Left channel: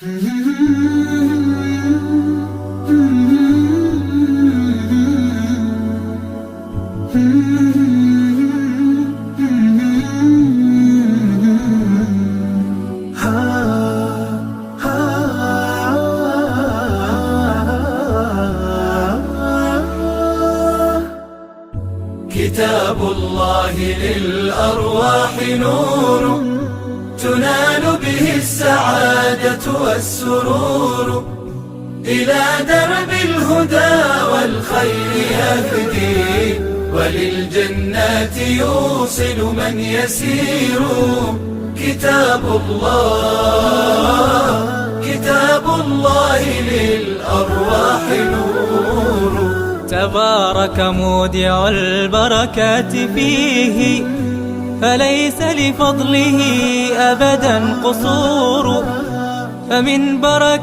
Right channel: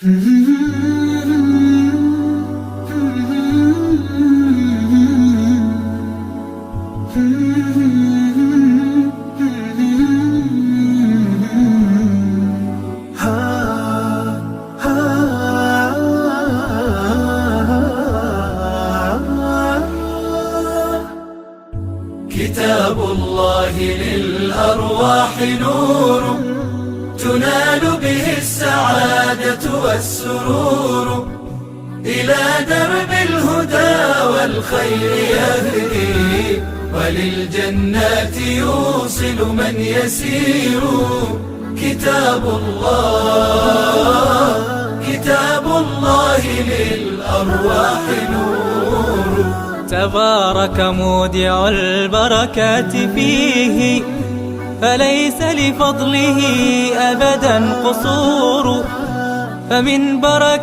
كتاب الله للأرواح نور، تنال به السعادة والسرور، إلى درب الهدى والخير يهدي، وللجنات يوصل من يسير. كتاب الله للأرواح نور. تبارك مودع البركات فيه، فليس لفضله أبدا قصور، فمن بركة